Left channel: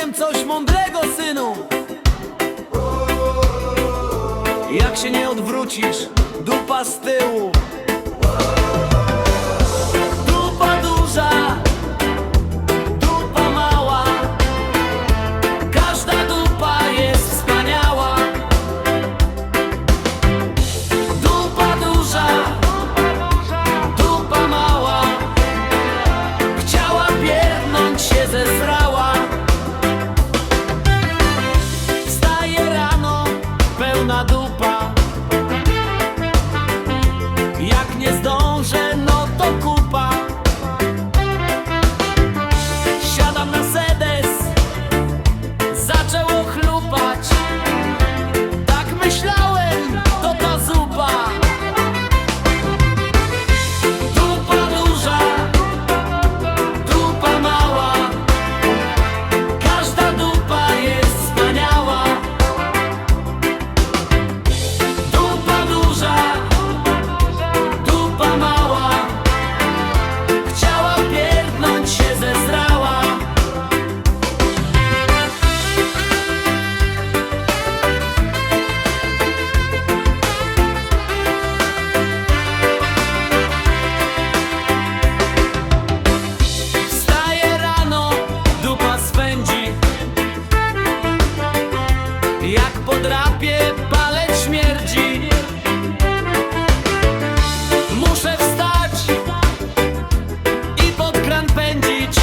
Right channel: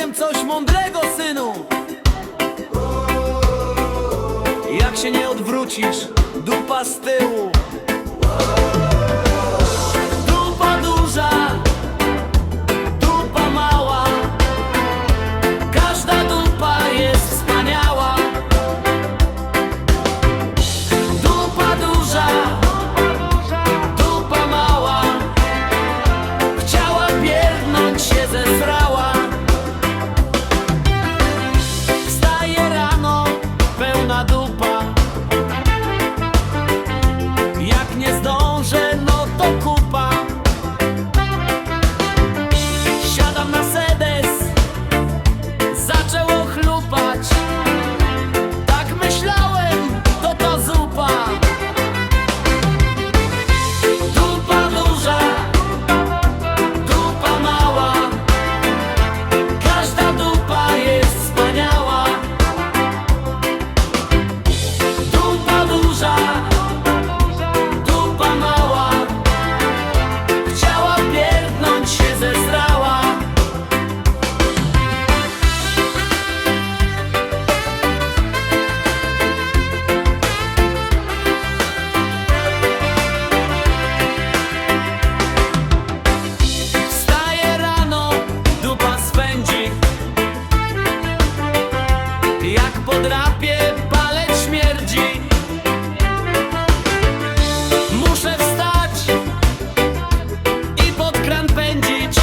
powiem coś mądrego, synu. Jak się nie odwrócisz, dupa z tyłu. Dupa. Jak nie zdążę, no to kupa. Siadam na sedes. Zaczęło chlupać. Tak myślałem, podrapie, palec śmierdzi. Muszę wstać i pod kran pędzić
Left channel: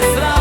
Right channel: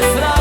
se.